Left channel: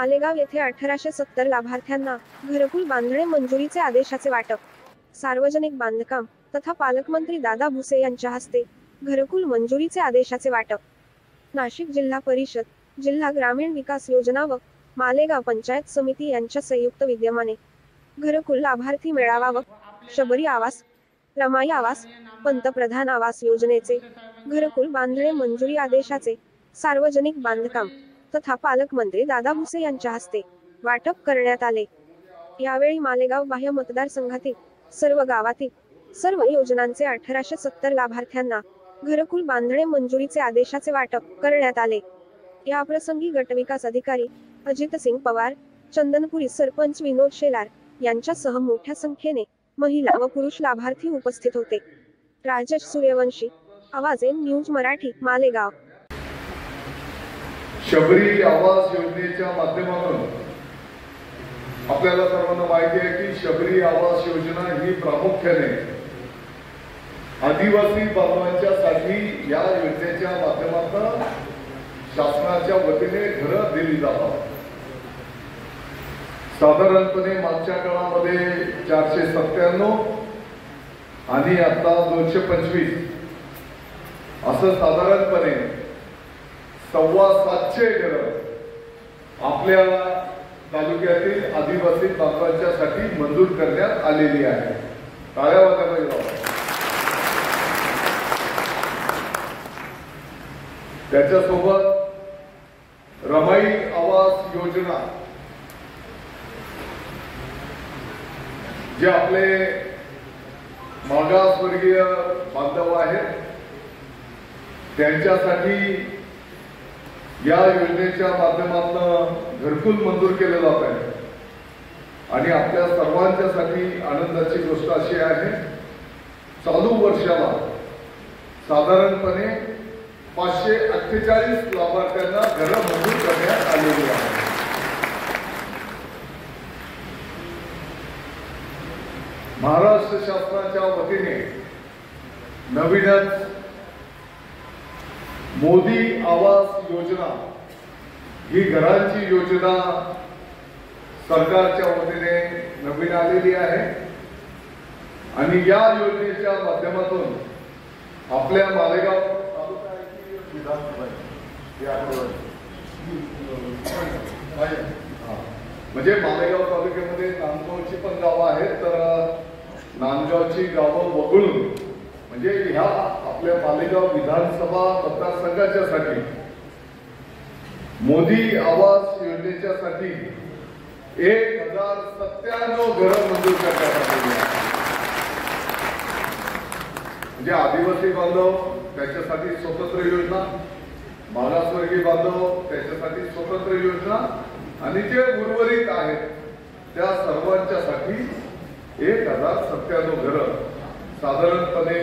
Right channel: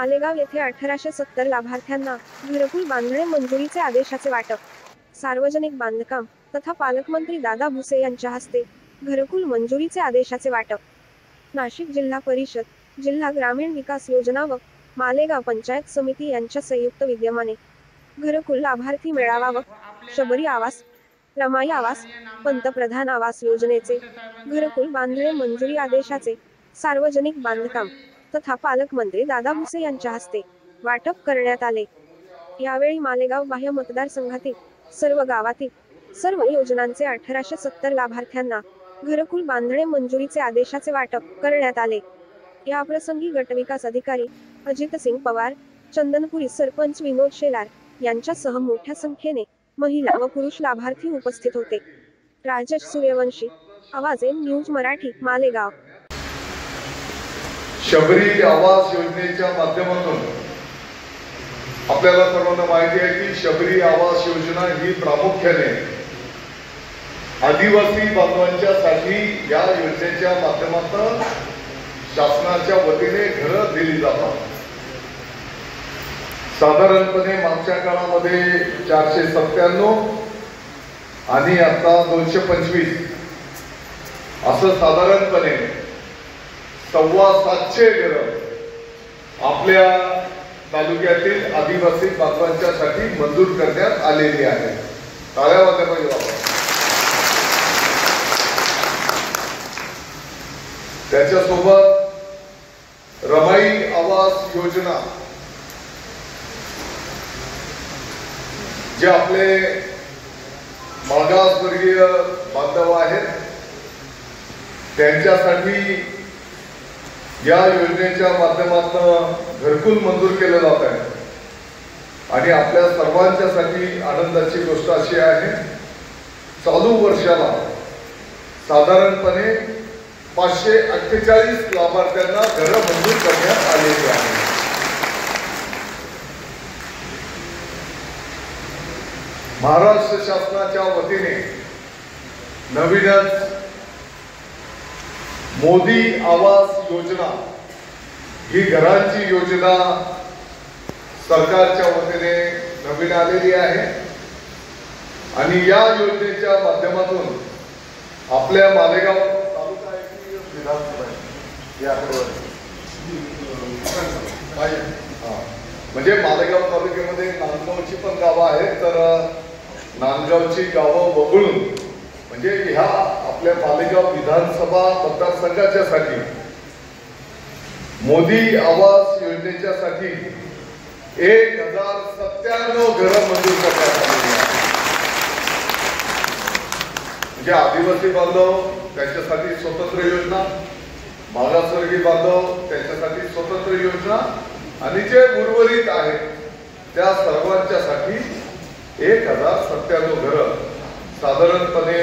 मालेगाव येथे 1870 लाभार्थ्यांना घरकुल बांधणे मंजुरीचे आदेशाचे वाटप। सार्वजनिक बांधकाम तथा पालकमंत्री दादा भुसे यांच्या हस्ते घरकुल मंजुरीचे आदेशाचे वाटप। नाशिक जिल्हा परिषद, जिल्हा ग्रामीण विकास योजना व मालेगाव पंचायत समिती यांच्या संयुक्त विद्यमाने घरकुल लाभार्थी मेळावा व शबरी आवास, रमाई आवास, पंतप्रधान आवास योजनेचे घरकुल बांधणे मंजुरी आदेशाचे सार्वजनिक बांधकाम तथा पालकमंत्री दादा भुसे यांच्या हस्ते वाटप करण्यात आले। यावेळी मालेगाव बाह्य मतदारसंघातील सर्व गावातील सर्व योजनांचे 1870 लाभार्थ्यांना घरकुल बांधणे मंजुरीचे आदेशाचे वाटप करण्यात आले। या प्रसंगी गटविकास अधिकारी अजितसिंग पवार, चंदनपुरी सरपंच विनोद शेलार यांच्यासह मोठ्या संख्येने महिला व पुरुष लाभार्थी उपस्थित होते। राजेश सूर्यवंशी, आवाज न्यूज मराठी, मालेगाव। शबरी आवास योजनेच्या माध्यमातून आपल्याला सर्वांना माहिती आहे की शबरी आवास योजना ही प्रामुख्याने आदिवासी बांधवांच्यासाठी या योजनेच्या माध्यमातून शासनाच्या वतीने घरं दिली जातात। साधारणपणे मागच्या काळामध्ये 497 आणि आता 225 असं साधारणपणे 750 घरं आपल्या तालुक्यातील आदिवासी बांधवांच्यासाठी मंजूर करण्यात आलेली आहे। टाळ्या वाजवायला पाहिजे। त्याच्यासोबत रमाई आवास योजना जे आपले मागासवर्गीय बांधव आहेत त्यांच्यासाठी या योजनेच्या माध्यमातून घरकुल मंजूर केलं जात आहे। आणि आपल्या सर्वांच्यासाठी आनंदाची गोष्ट अशी आहे, चालू वर्षाला साधारणपणे 548 लाभार्थ्यांना घरं मंजूर करण्यात आलेली आहे। महाराष्ट्र शासनाच्या वतीने नवीनच मोदी आवास योजना ही घरांची योजना सरकारच्या वतीने नवीन आलेली आहे। आणि या योजनेच्या माध्यमातून आपल्या मालेगाव म्हणजे मालेगाव तालुक्यामध्ये नांदगावची पण गावं आहेत, तर नांदगावची गावं वगळून म्हणजे ह्या आपल्या मालेगाव विधानसभा मतदारसंघाच्यासाठी मोदी आवास योजनेच्यासाठी 1097 घरं मंजूर करण्यात आलेली आहेत। म्हणजे आदिवासी बांधव त्यांच्यासाठी स्वतंत्र योजना, मागासवर्गीय बांधव त्यांच्यासाठी स्वतंत्र योजना आणि जे उर्वरित आहेत त्या सर्वांच्यासाठी 1097 घरं साधारणपणे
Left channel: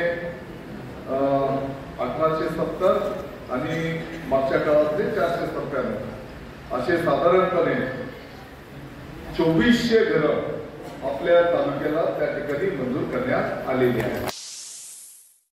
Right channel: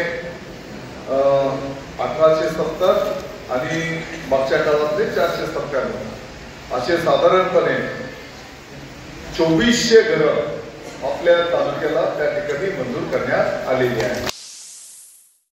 1870 आणि मागच्या काळातले 497 असे साधारणपणे 2400 घरं आपल्या तालुक्याला त्या ठिकाणी मंजूर करण्यात आलेली आहेत।